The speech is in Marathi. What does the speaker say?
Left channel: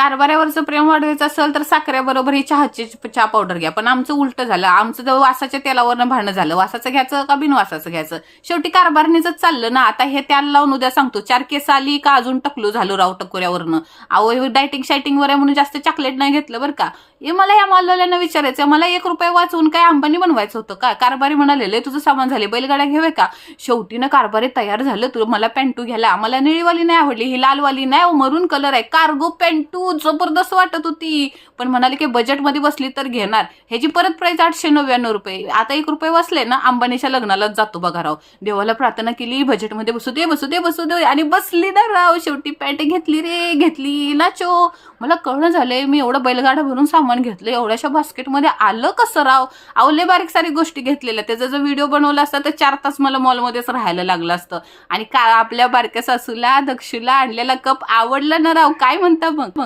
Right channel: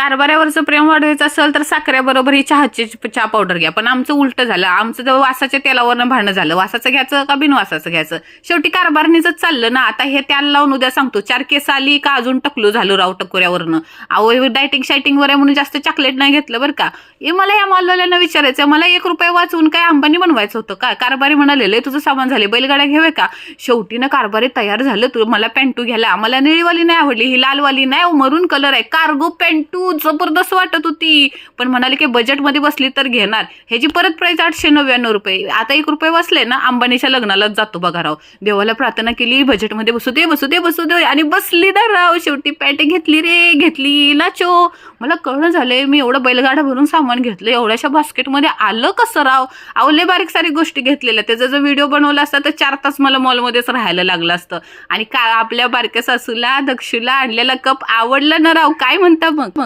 कारभाऱ्यावरचं प्रेम वाढवायचं असेल तर साखरेबरोबर ही चहा पावडर घ्या. पण आमचं उलट झालं. आमचं तर वासाच्या तेलावरनं भांडणं झालं. वासाचं घ्यायचं का बिनवासाचं घ्यायचं. शेवटी कारभारणीच चाललं ना. आता हे त्याला लावून उद्या सांगतो 4 केस आली का अजून टकलो झालो राव टकोऱ्यावरनं. अहो डायटिंग शायटिंग वर आहे म्हणून जास्त चॉकलेट नाही घेतलं बरं का. हे मला या मालवाल्यांना विचारायचं, मला 1 रुपया वाचवून काय अंबानी बनवायचं होतं का. कारभारी म्हणाले तुझं सामान झाले, बैलगाड्या घेऊया का. शेवटी ना कारभारी तयार झालं. तू मला पॅन्टू घ्यायला. मला निळीवाली नाही आवडली, ही लालवाली नाही, मरून कलर आहे. कार्गो पॅन्टू जबरदस्त वाटत होती. पण म्हणाले की बजेटमध्ये बसली तर घेणार. ह्याची परत प्राइस 899 रुपये. आता 1 रुपये वाचले ना अंबानीच्या लग्नालाच जातो बघा राव. देवाला प्रार्थना केली बजेटमध्ये बसू दे बसू दे बसू दे आणि बसली ना राव. शेवटी पॅन्ट घेतली रे, घेतली लाचो. मला कळणं झालंय मी एवढं बैलगाडा भरून सामान घेतलं, एवढ्याशा बास्केटमध्ये आलं कसं राव. आवले बारीक सारी गोष्टी घेतलेल्या. त्याचा जर व्हिडिओ बनवला असता तर 4 तास मला मॉलमध्येच राहायला लागलं असतं. आणि का आपल्या बारक्या सासूला दक्षूला आणलेला कप आवडला ना राव. काय म्हणता मग.